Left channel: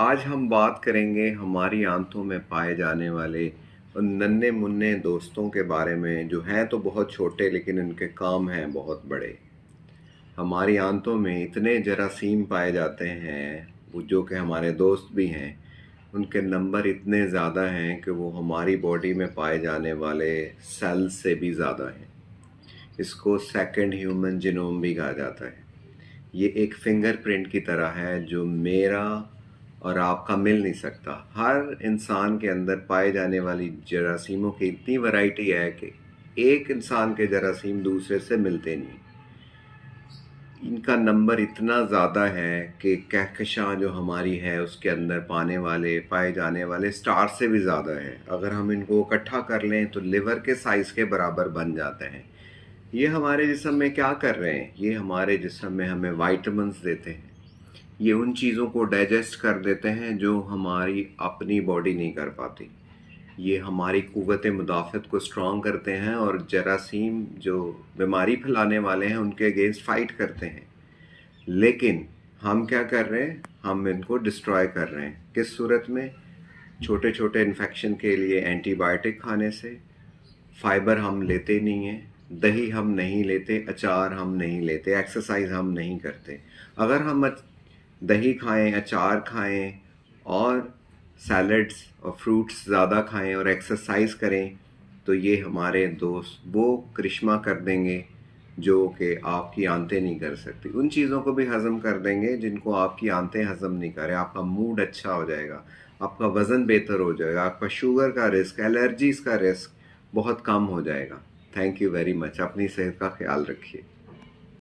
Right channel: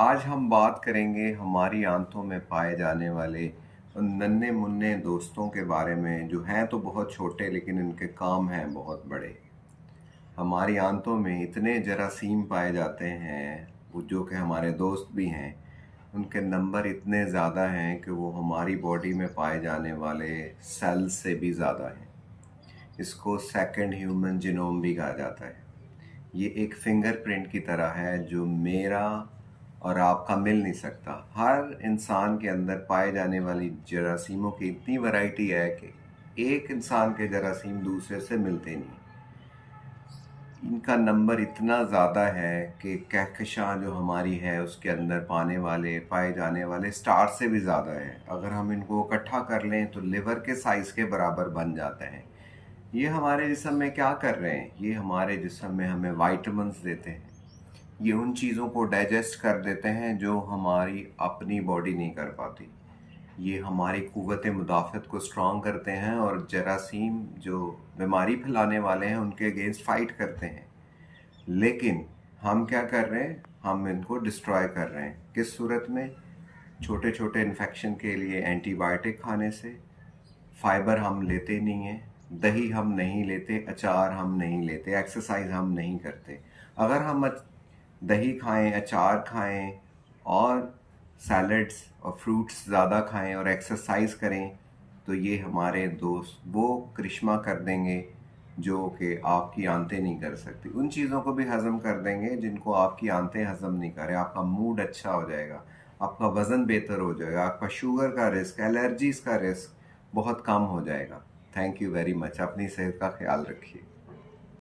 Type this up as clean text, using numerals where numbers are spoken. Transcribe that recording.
आज हम बात करेंगे हमारी आंतों में पाए जाने वाले उन नन्हे मुन्ने दोस्तों के बारे में जो हैं तो बहुत छोटे लेकिन उनके काम हैं बहुत बड़े। हमारी आंतों में इतने जरासीम पाए जाते हैं वो जो कि हमारे दोस्त भी हैं। उनके नंबर इतने ज़्यादा हैं कि वो हमारी बॉडी में पाए जाने वाले सेल्स से भी ज़्यादा हैं। इसको सेकंड ह्यूमन जीनोम भी कहा जाता है। ये एक फिंगरप्रिंट की तरह है जो मेरा और आपका मिल नहीं सकता। हर इंसान के अंदर पाए जाने वाली जरासीमों की इतनी वैरायटी है कि एक इंसान के जरासीम दूसरे से मिलते नहीं। इनका नंबर इतना ज़्यादा है कि कहकशां जो हमारी है उसके अंदर पाए जाने वाले स्टार से भी ज़्यादा है। अगर हम इनको इकट्ठा कर लें तो लिवर के साइज़ के बराबर बन जाते हैं। ये हमारे जिस्म में क्या कर रहे हैं? ये हमारे जिस्म में हमें विटामिन्स देते हैं। ये उन चीज़ों को डाइजेस्ट कर देते हैं जो हमारी अपनी बॉडी नहीं कर पाती। ये हमारी क़ुव्वत मुदाफ़त को स्ट्रॉन्ग करते हैं और जरासीम जो बीमारी फैलाने वाले हैं उनके अगेंस्ट फ़ाइट करते हैं। लेकिन हम क्या कर रहे हैं? हम इनको डिस्ट्रॉय कर रहे हैं। किस सूरत में? छोटे छोटे इन्फेक्शन के लिए एंटीबायोटिक खाने से। फाइबर हम लेते नहीं हैं, दही हम नहीं लेते, अचार हम नहीं लेते, एक्सरसाइज हम नहीं करते। अगर हम दही खाएं, अचार खाएं और सैलड्स और फ्रूट्स ज़्यादा खाएं और एक्सरसाइज करें तो ये हमारे दोस्त वो करिश्मा कर देंगे जो कि आपकी आंतें नहीं कर सकती। उन चीज़ों को भी हज़म कर देंगे जिनको आपकी आंतें हज़म नहीं करें। आपका मूड अच्छा हो जाएगा, आपका वज़न बेहतर हो जाएगा, आपका शुगर का रिस्क, एलर्जीज़ का रिस्क बहुत कम हो जाएगा। Thank you very much. अपनी सेहत का ख्याल रखिए।